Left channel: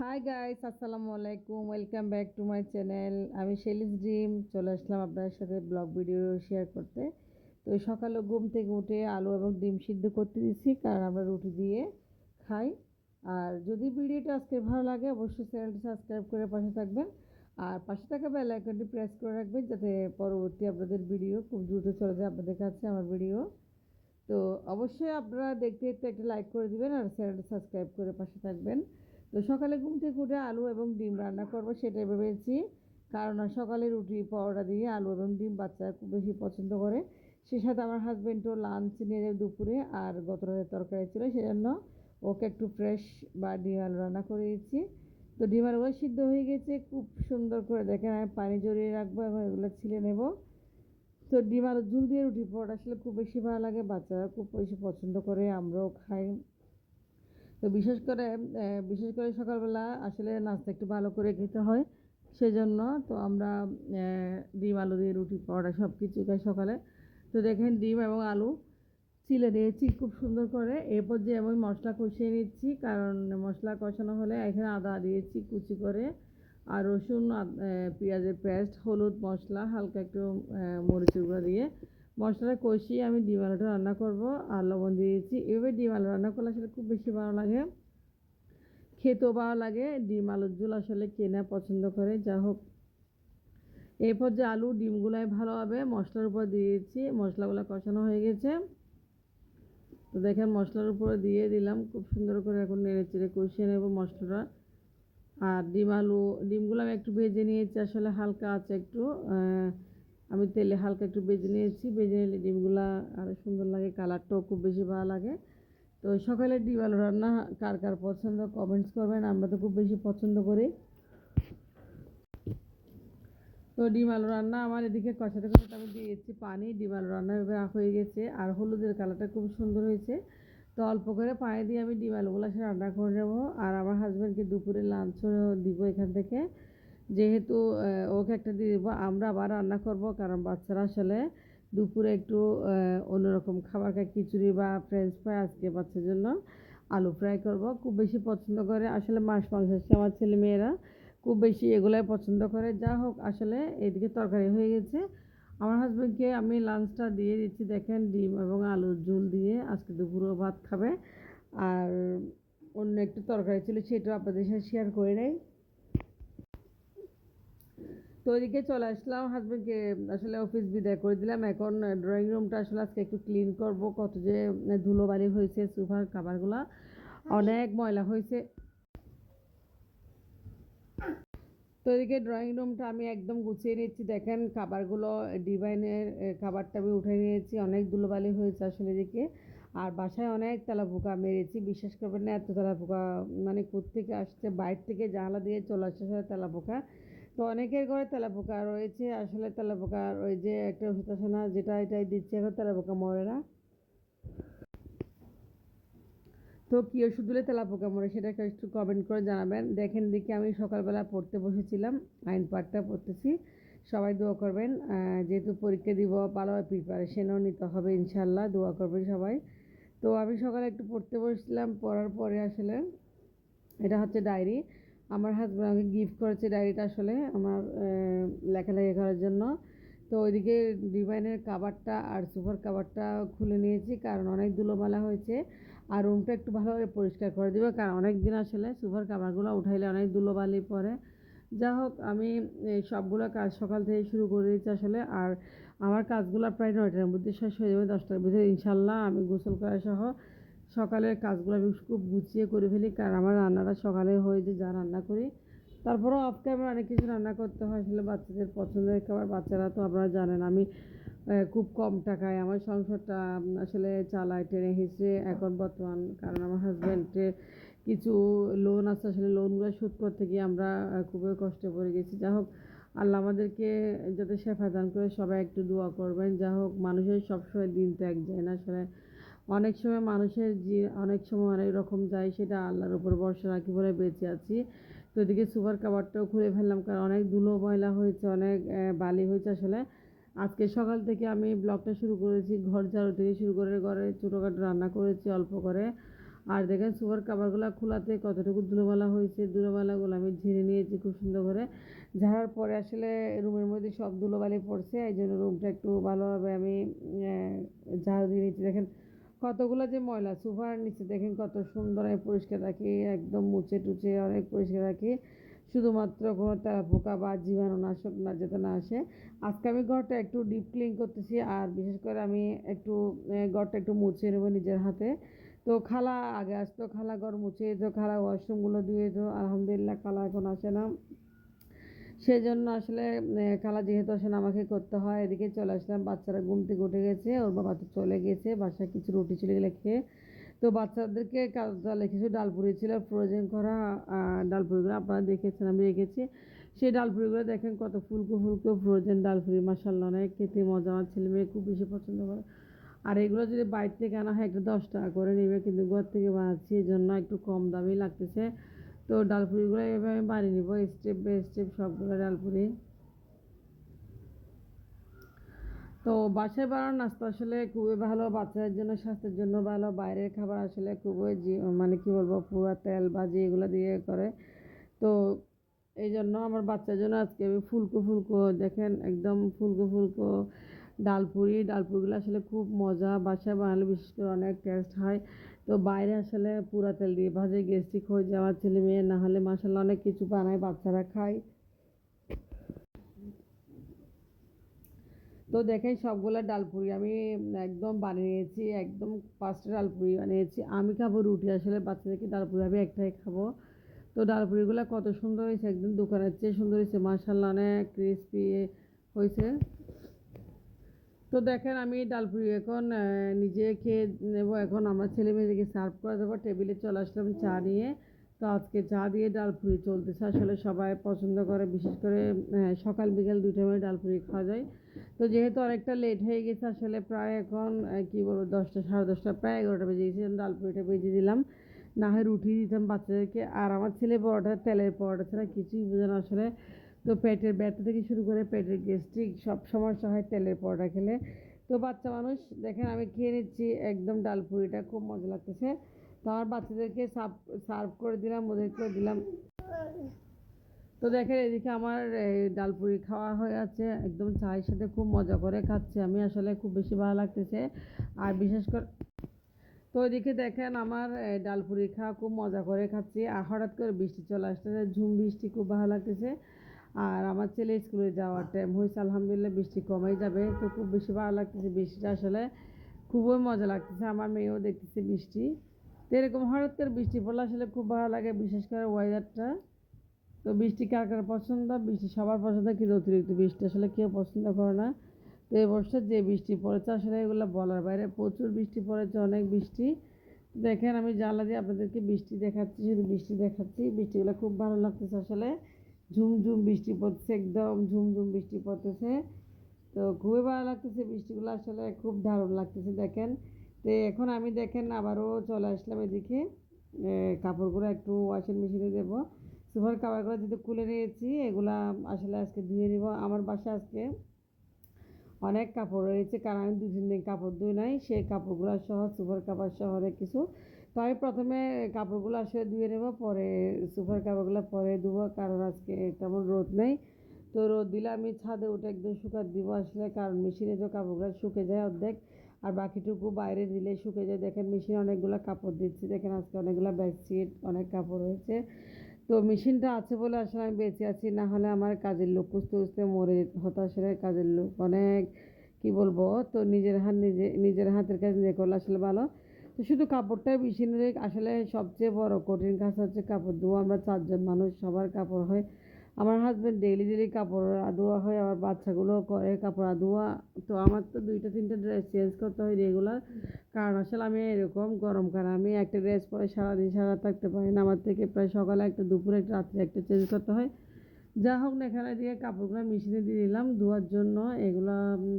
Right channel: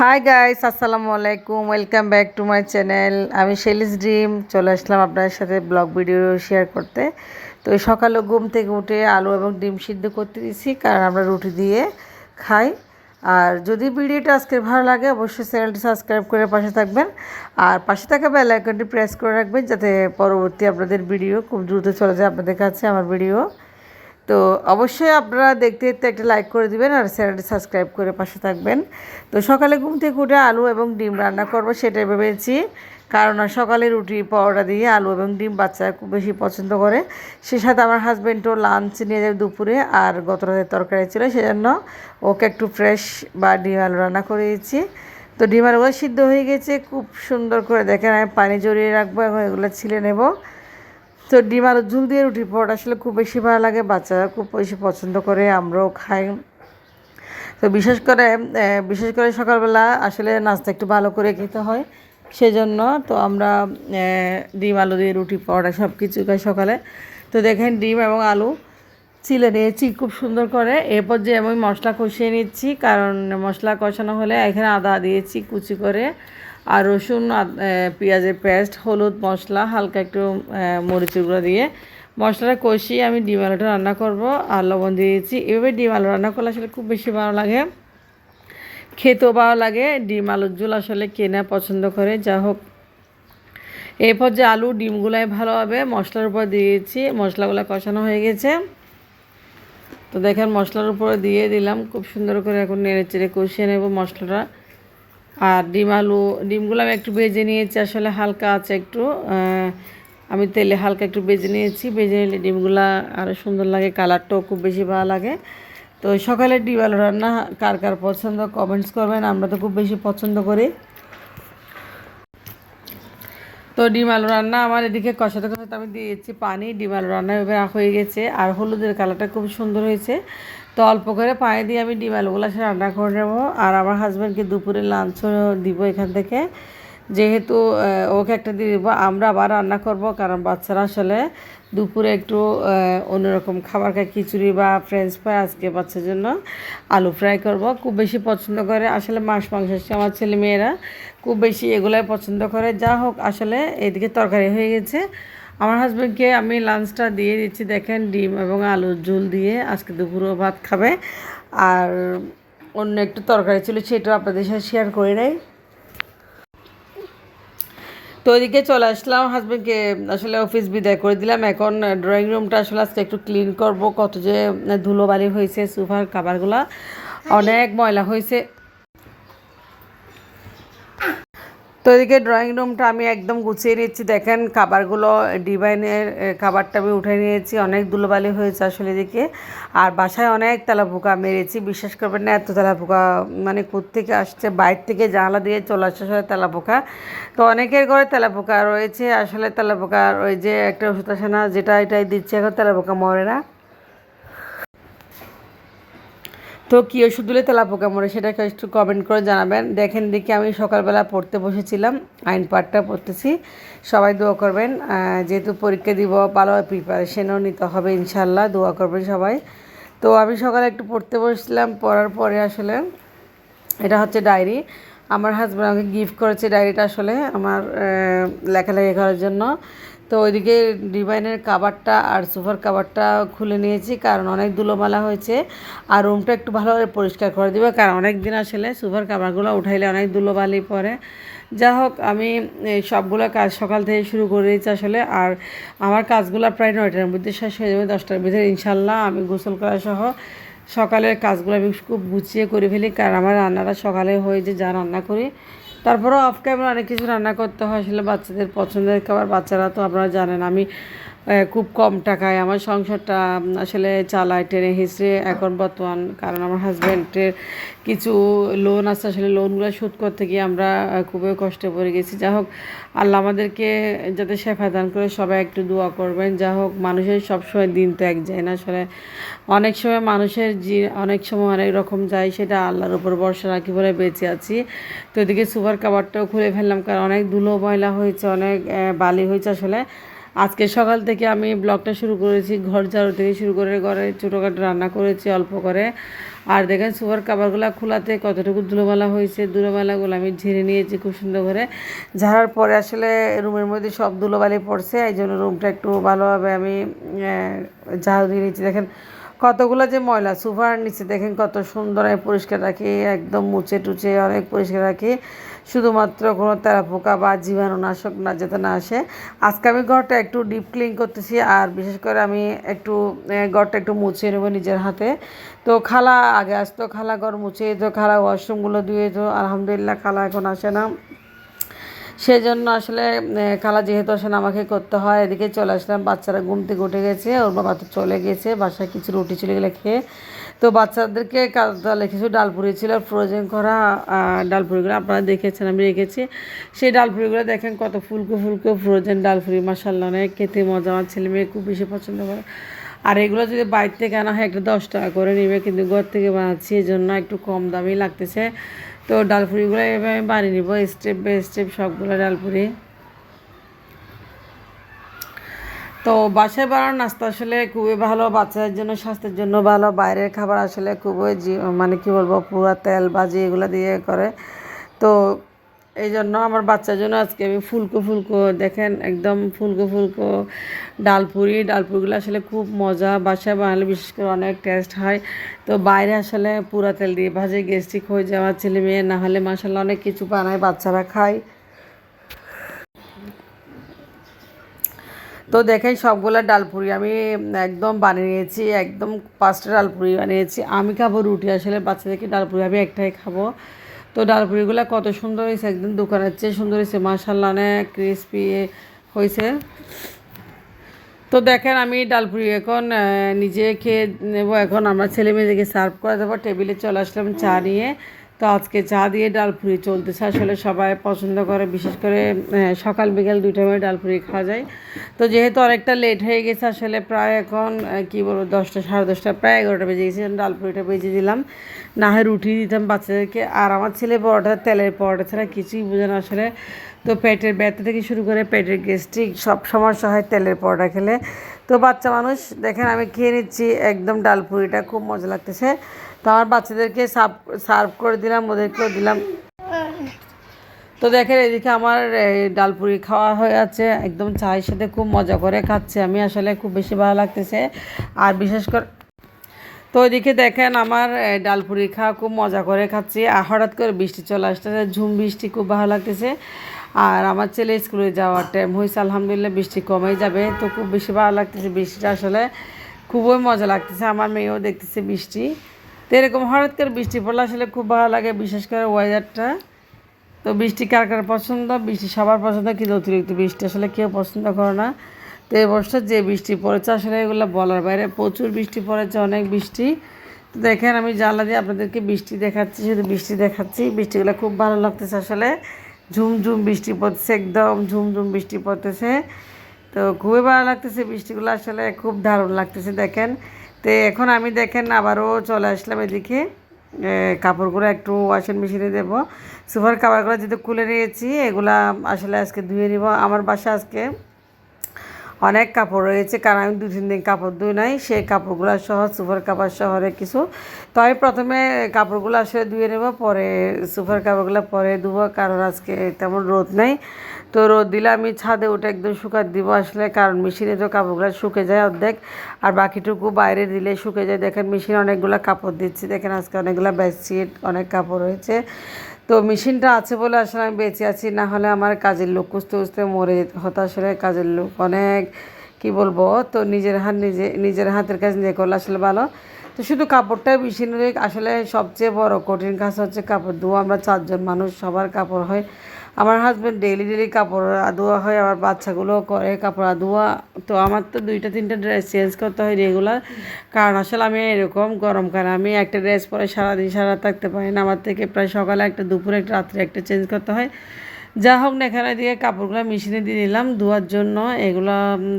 Hi guys, আসসালামু আলাইকুম। Welcome back to my channel. আমি শেলিস ড্রিম চলে আসলাম আপনাদের সাথে ব্লগ ভিডিও শেয়ার করতে। তো এই সকালে ঘুম থেকে উঠে আলু এবং ডিম সিদ্ধ করতে দিয়েছি, কারণ আমরা রুটি দিয়ে খাই। আর যদি ভিডিওটা আজকে ভালো লাগে অবশ্যই চ্যানেলটি সাবস্ক্রাইব করে পাশে থাকবেন, আর পাশে থাকা বেল আইকনটি প্রেস করে রাখবেন, যাতে পরবর্তী আপনাদের ভিডিও খুব দ্রুত চলে যায় আপনাদের কাছে আমার ভিডিও। তো অবশ্যই আপনারা দেখতে দেখতে একটা লাইক করে দিবেন আর চ্যানেলটি সাবস্ক্রাইব করে পাশে থাকবেন। তো সকালে ঘুম থেকে উঠে আলু এবং ডিম রান্না করব সেটাই ভেবেছি, কারণ সকালে রুটি পরোটা দিয়ে আলু এবং ডিম বাচ্চারা খুব বেশি পছন্দ করে। সে সাথে আমার হাজব্যান্ডও লাঞ্চ নিয়ে যাবে দুপুরে, আর গত রাতের তরকারি ছিল, সেজন্য ওকে একটু ফ্রেশ বা ডিম আলু রান্না করে দিয়েছি। তো ডিম আলুগুলো সিদ্ধ হয়ে গেছে খুব সুন্দর করে, দেখেন আমি পানি জড়িয়ে রাখবো এবং এগুলো ছিলে নেব। তো ডিম আলুর ঝোল দিয়ে রুটি পরোটা আসলে খুব বেশি ভালো লাগে, বাচ্চারা খুব বেশি পছন্দ করে, আমরাও খাই। তো বিশেষ করে সকালবেলা আসলে নাস্তা একটু ভালো করে খেতে হয়, সেজন্য তো আমরা ডিম আলু দিয়ে রুটি পরোটা সব কিছু খাই সকালে। তো দেখেন ডিম এবং আলু চিলে নিয়েছি খুব সুন্দর করে। এরপর যে আমি মশলা কষিয়ে নিচ্ছি, কারণ মশলা কষানো হলে এখানে আদা দিয়েছি কুচি করে, আর রসুন, পেঁয়াজের পেস্ট, হলুদ, মশলা, হালকা একটু মরিচের গুঁড়ো দিয়ে মশলাটা কষিয়ে আমি ডিম আলুটা রান্না করব, আর লবণ দিয়েছি। এভাবে ডিম আলু রান্না করলে আসলে খুব বেশি ভালো লাগে, খেতেও ভালো লাগে। ডিম আলুর ঝোল আসলে কে না পছন্দ করে, যা হোক। এরপর যে আলু ডিমগুলাই ভালোভাবে মশলার উপর দিয়েছি, মশলাগুলো কষানো হয়ে গেছে। তো দেখেন মশলার উপরে দিয়ে দিলাম খুব সুন্দর করে, এখন নেড়ে চেড়ে কষিয়ে নেব মশলাটা। আর ডিমগুলো আমি একটু ভেজে নিয়েছি, আসলে হালকা আছে একটু, আমি তেলে হালকা একটু ভেজে নিয়েছি। ভেজে নিলে ডিমগুলো আরও সুন্দর লাগে, কালারটাও খুব বেশি ভালো লাগে। তো সকালে ডিম আলু রান্না কার কার পছন্দ কমেন্টস করবেন, আমরা তো খুব বেশি পছন্দ করি। তো ডিম আলু রান্না আমার এদিকে কষাতে কষাতে আমি দিয়েছি পানি, ডিম আলু রান্না এভাবে হয়ে গেছে, আর হলুদের কালারটা খুব সুন্দর হয়েছে। তো অল্প করে পানি দিয়ে আমি ডিম আলুগুলো সে রান্না করে নেবো, আর আমার হাজব্যান্ডকে দুপুরে লাঞ্চও দিব এখান থেকে, যেহেতু ওকে একটা দিয়ে দেবো। আমরা আবার রান্না করব, কারণ বাচ্চারা আসলে দুপুরে একটু অন্যরকম খাবার খায়, খিচুড়ি বা ফ্রেঞ্চ ফ্রাই। আজকে বাচ্চার জন্য আলু ফ্রাই করব, খুব বেশি পছন্দ করে আসলে মাছ মাংস, আমার ছেলে মেয়েরা খুব বেশি এগুলাই পছন্দ করে। যা হোক, আসলে এদিকে তরকারি হয়ে গেছে, আমার হাজব্যান্ডকে আমি লাঞ্চটা দিয়ে দিচ্ছি। দেখেন ডিম এবং আলুর ঝোল দিয়ে আজকে দুপুরেও ভাত খাবে, আর অন্য একটু তরকারি ছিল সেটাও আপনাদের সাথে শেয়ার করে নেই। তো ওইদিকে চলে আসলাম, হাজব্যান্ডকে আসলে অফিস বিদায় করে দিলাম। এখন ড্রয়িং রুমটা আসলে আজকে একটু ক্লিন করব, কত যে ধুলোবালি হয়েছে, সোফার কাভারগুলো অনেক ময়লা হয়েছে। তো এদিকে ড্রয়িং রুমটা আমি একদম গুছিয়ে নিচ্ছি। দেখেন খাবারগুলো, ডিভাইনের খাবারটা আমি উঠে নিয়েছি, অনেক ধুলোবালি হয়েছে আসলে এদিকে। আর বাসায় অনেক তেলাপোকা মেরেছি, বিশ্বাস করবেন না এত তেলাপোকা, মানে কোত্থেকে আসছে, বাইরে থেকে জানালা দিয়ে চলে আসছে আসলে তেলাপোকা। তো অনেকের ঘরে তেলাপোকা রয়েছে, আসলে তেলাপোকার ওই যে একটা ওষুধ আসে না, যেটা এটাই দিচ্ছে, এখন তেলাপোকা মরে না। তো কী ওষুধ দিলে তেলাপোকা মরে সেটা একটু কমেন্ট করে জানাবেন। দেখেন দেখি আমি সকালবেলা পড়তে বসেছিলাম, আইন পাঠটা পড়তেছি। সবাই দোয়া করবেন, যেহেতু পরীক্ষা দিব, ভালো প্রিপারেশনও নিতে হবে ইনশাল্লাহ, দোয়া করবেন সবাই। তো আমি সকালে একটু পড়তে বসছিলাম, পড়ার পরে আসলে এটা হচ্ছে ডায়েরি, আমার হাজব্যান্ড আমাকে গিফট করেছে ডায়েরিটা, আসলে আমার লেখালেখি করার জন্য। তো ওইদিকে ডিভাইনের কাভারটা আর সোফার কাভারটা খুলে নিয়েছি, কারণ অনেক ধুলোমালা হয়েছে, আর রুমটা একটু ভালোভাবে পরিষ্কার করে দেবে, কারণ অনেক দিন আসলে সোফার কাভারগুলো উঠাইলে অনেক ধুলোবালি পড়ে। যা হোক, আমি সবগুলো কাজ সকাল থেকে শুরু করে দিয়েছি আসলে, আর আমার কাজগুলো প্রায় 9টার মধ্যে শেষ হয়ে যাবে, 10টার ভিতরে ইনশাল্লাহ। আমি গোসল করা সহ সকালের কাজগুলো আমি খুব গুছিয়ে করে ফেলি, কারণ আমার রান্নাটা সকালে হয়ে যে যা রান্না করি। তারপরেও অফ ক্যামেরা অনেক কিছু রান্না করতে হয়, আসলে বাচ্চাদের পছন্দের খাবার। বাচ্চারা তো আপনারা জানেন আমি খুব কম টাকায় আমার সংসারটা আসলে চালাই টেনে হিসড়ে এখন বর্তমান, কারণ আমার হাজব্যান্ডের কিছু লোন আছে, আসলে লোনগুলো শোধ করতে গিয়ে আমরা খুবই কষ্টে পড়ে গেছি। যা হোক, আল্লাহ আমাদেরকে যাতে শেফা দান করে, সবাই একটু দোয়া করবেন। যা হোক, মানুষের সবসময় দিন তো এক যায় না আসলে, অনেক সময় মানুষের অনেক সময় অনেক রকম যায়, সেটা আল্লাহর উপর ভরসা রাখি বলে বেঁচে আছি। তো এদিকে সুপার কাভারটাও খুলে ফেললাম, কারণ অনেক ধুলো ময়লা হয়েছে, অনেক বালি হয়েছে আসলে। আজকে সকাল থেকে আমি ব্লগটা শুরু করেছি ঘর ঝাড়ু থেকে শুরু করে ঘরে ছোটোখাটো রান্না করেছি অল্প করে। আর দেখেন সুপার কাভারগুলো খোলাতে কতটুকু ধুলোবালা হয়েছে, ধুলোবালাগুলো আমি ঝেড়ে নিয়েছি খুব সুন্দর করে। ঝাড়ার পরে আসলে রুমের মধ্যে সব ধুলোবালি পড়ছে, এই জন্য রুমটা একটু ভালোভাবে আমি ঝাড়ু দিয়ে নিচ্ছি। দেখেন কতগুলো যে ময়লা, সোফার নিচে দেখেন কত সুন্দর আমি পরিষ্কার রাখি, একদম মুছে টুচে অনেক পরিষ্কার রাখি, শুধুমাত্র কোনো তেলাপোকা বা জীবাণুনাশক না যাতে না আসে। আজকে আমি ঘরটা একটু ডিপ ক্লিন করতেছি, আর বিশেষ করে আমি একটু ঘরটা একটু মুছে নেবো নিজের হাতে। তো খালা আগে আসতো, খালা ঘর মুছে দিত, খালা ওয়াশরুমগুলো ধুয়ে দিত। আলহামদুলিল্লাহ খালা এখন আসে না, সেই জন্য আসলে খালা যেহেতু আসেন আমাকে করতে হয়। এদিকে চলে আসলাম, বাচ্চারা ঘুম থেকে উঠে গেছে, ওর বাবা তো চলে গেছে বাসায়, কিছু রুটি চলে গেলে খেয়ে। তো বাচ্চাদেরকে তাহলে কিছু ডালপুরি ছিল ফ্রোজেন করা, ডালপুরিগুলো আপনারা দেখেছেন আমি রেখেছি। সেই ডালপুরিগুলো দেখেন কত ফুলকো ফুলকো ফ্রোজেন ডালপুরি, মাসাল্লাহ অনেক খেতে মজা, আমার ছেলে মেয়ে খুব বেশি পছন্দ করে। আর এগুলো যদি বাইরে থেকে আনা হয় একটা 10 টাকা করে নেবে, কিন্তু ঘর থেকে বানাচ্ছি এই জন্য একটু কম দামই লাগতেছে। তো ডালপুরিগুলো এভাবে আমি বানিয়ে নিব স্টেপ বাই স্টেপ সবগুলো ডালপুরি। তো বাসায় বানানো নাস্তা আসলে খুবই ভালো, বাচ্চাদের জন্য স্বাস্থ্যের জন্য ভালো। বাইরের খাবার আসলে খুবই মানে কি বলবো, পুরা তেল ভাজি এগুলো দিয়ে করে। তো এই জন্য আমার বাচ্চার জন্য আজকে আমি ফুলকো ফুলকো দেখেন একদম ফুলকো ফুলকো ডালপুরিগুলো আসলে খুব মজা, বাসায় বানালে বিশেষ করে অনেক টেস্ট হয়। তো বাইরে আসলে পুরা তেল দিয়ে ভাজে গ্যাস্ট্রিক হয়ে যায় আমার ছেলে মেয়ে, না হলে মাসাল্লাহ অনেক কিছু বানায় বাচ্চারা খায়। তো দেখেন সবগুলো ডালপুরি আমি একদম বানিয়ে নিয়েছি, একদম 5টা ডালপুরি বানিয়েছি। আমি খাবো রুটি, আসলে বাচ্চাদেরকে ডালপুরি আমি একটাই খাবো। তো ডালপুরিগুলো কত সুন্দর হয়েছে, একদম দোকানের চেয়ে সুন্দর হয়েছে মাশাআল্লাহ, অনেক ক্রিসপি হয়েছে। তো দেখেন আমি ডালপুরি এখন নিজে খেয়ে নেবো, এখন আমার ছেলে মেয়েদেরকে সার্ভ করে দেবো। টেবিলে চলে আসলাম চা নিয়ে। তো আজকে চা দিয়ে ডালপুরি চলতেছে, আসলে সবাই পছন্দ করে, বিশেষ করে সকাল বিকেল 2 টাইমে ডালপুরি খাওয়া যায়। তো যেহেতু অনেকটা লেট হয়ে গেছে আসলে, প্রায় এখন কী বলবো 10টা সাড়ে 10টা প্রায় 11টা বেজে গেছে, ডালপুরিটা বেজে দিলাম, না হয় রুটি দিতাম বাচ্চাদেরকে। আর আমার ছেলে পরোটা, তেলের পরোটা ছাড়া কিছুই বোঝে না আসলে। তো পেটের ব্যথা থেকে শুরু করে পেটের গ্যাস্ট্রিক সব সমস্যা হয় তেলের পরোটা খেলে। তো বাচ্চা মানুষ দেখেন আমি খেয়ে নিচ্ছি একদম ডালপুরিটা, খুব মজা লাগতেছে। তো আমার বাচ্চাদেরকে সার্ভ করে দিলাম, ওদেরকেও দিলাম। তো দেখেন এদিকে আমার ডালপুরি খাওয়া হয়ে আছে, একদম চায়ের সাথে খুব মজা করে খাচ্ছে আমি, আসলে খুব বেশি ভালো লাগতেছে। আর বিশেষ করে তো ওইদিকে দেখেন আমার ডালপুরি খাওয়া খুব মজা করে খাচ্ছি, আর হঠাৎ করে বৃষ্টি চলে আসতেছে, ঝুম বৃষ্টি, খুব ভালো লাগতেছে। আর আমার ছেলে স্কুলে যাওয়ার টাইম হয়েছে, আলহামদুলিল্লাহ বৃষ্টি কমেই যাবে, তো খুব বেশি ভালো লাগতেছে বৃষ্টিটা, আসলে খুবই মজা লাগতেছে। আমার মেয়েও দেখতেছে বৃষ্টি। তো এরকম হঠাৎ করে বৃষ্টি পড়লে আসলে খুব ভালো লাগে, বিশেষ করে ওয়েদারটা। তো বৃষ্টি কার কার পছন্দ, বৃষ্টি সবার পছন্দ, কিন্তু অতিরিক্ত বৃষ্টি আসলে কেউ পছন্দ করে না। তো এবছর যে বৃষ্টি পড়েছে আসলে এগুলো বলার বাইরে, প্রচুর বৃষ্টি পড়েছে, অনেক বৃষ্টি। তো দেখেন আমি জানলা দিয়ে আপনাদেরকে বৃষ্টি দেখাচ্ছি, শুধু বৃষ্টি দেখাচ্ছি, বৃষ্টিগুলো খুব ভালো লাগতেছে আসলে। ঝুমঝুম বৃষ্টি পড়তেছে, একদম ঝুমঝুম বৃষ্টি পড়তেছে। তো খুবই ভালো লাগতেছে বৃষ্টিগুলো, আসলে খুব দারুণ লাগতেছে দেখেন। তো এখন আমি দেখেন আবারও চলে আসলাম এদিকে, কাপড়গুলো একটু ওয়াশিং মেশিনে দেবো। সোফার কাভারগুলো যেহেতু খুলে নিয়েছি, এগুলা আসলে আজকে ধুয়ে নিব। আমার বাসা আজকে অনেক কাপড় রয়েছে, কারণ আমি 2-3 দিন কাপড় ধুই নাই, সেই কাপড়গুলো সহ সুপার কাভার শহরে কিছু। তো আমি প্রথমে কাপড়গুলো আসলে ধুয়ে নেব, পরে সুপার কাভারগুলো পরে ধুবো, কারণ আজকে তেমন রোদ নেই। তো রোদ দিলে আমি ছাদে উঠে একদম শুকাতে দিব আসলে, কারণ মেশিনে তো কাপড়গুলো শুকে যায় অর্ধেক, আর বাকিটুকু বাইরে দিলে শুকে যায়। দেখেন মেশিনে অনেকগুলো কাপড় দিচ্ছি, দেখেন আজকে অনেকগুলো বেডশিট অনেক কাপড় রয়েছে। তো মেশিনটা আছে বলে আসলে আমি বেঁচে আছি, না হলে আমার কাজের লোক খুঁজতে খুঁজতে মরে হতো আসলে। কাজের লোক অনেক, কি বলবো, তো নিজের হাতের কাজ নিজে করলে আসলে ভালো। তো শুধু কাপড়টা মেশিনে আসলে সবচেয়ে বড় কঠিন কাজ হচ্ছে কাপড় ধোয়া। আমরা 4 জন মানুষ, সবার কাপড় হয়। আমার হাজব্যান্ড ডেইলি ডেইলি কাপড় ধোয়া হয়, আমার বাচ্চাগুলো করে কাপড় ধোয়া। তো আমার তো 2-3টা ড্রেস চেঞ্জ করতে হয় রেগুলার, কারণ আসলে আমি এরকম গরমকালে আমি একটা ড্রেস পরে সারাদিন সারা থাকতে পারি না, আমার থেকে প্রায় সকালে একটা, দুপুরে একটা, রাত্রে একটা চেঞ্জ করতে হয়। যা হোক না, এখানে দিয়ে কাপড়গুলো মেশিনে দিয়ে দিলাম ধোয়ার জন্য, এগুলো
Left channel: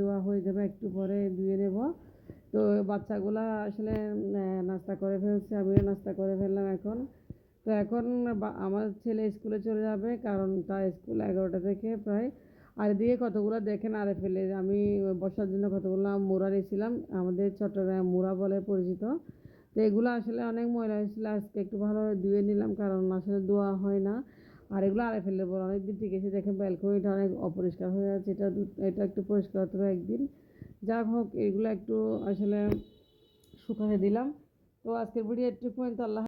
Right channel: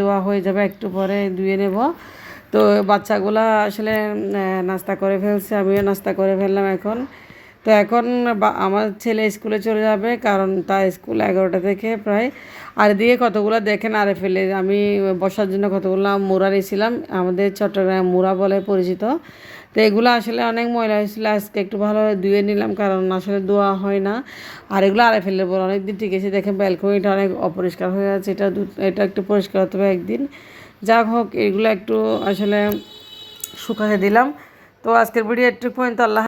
ধোয়া হয়ে যাবে, একটু পরে ধুয়ে নেব। তো বাচ্চাগুলো আসলে নাস্তা করে ফেলছে, আমিও নাস্তা করে ফেললাম এখন। তো এখন আমার ছেলে স্কুলে চলে যাবে, কারণ তার স্কুল 11টা থেকে প্রায়। আর এদিকে কতগুলো দেখেন আরে ফেলে আমি বসার জন্য কতগুলো মুড়া নিয়েছিলাম, আমাদের চট্টগ্রামে মুড়া বলে পরিচিত। তো এগুলো আসলে অনেক ময়লা হয়েছিল, আজকে একটু ভালোভাবে ধুয়ে নিলাম, কারণ আসলে ধোয়া হয় না। আর এগুলো আরে ফেললে পর অনেকদিন ঠিক আছে, দেখেন ব্যালকনিটা অনেক অপরিষ্কার হয়ে আছে, এটা একটু পরিষ্কার হতে হবে একদিন। যা হোক, এগুলো একটু আসলে শুকাতে দিলাম। তো আজকের ভিডিও একটু পর্যন্ত, আল্লাহ।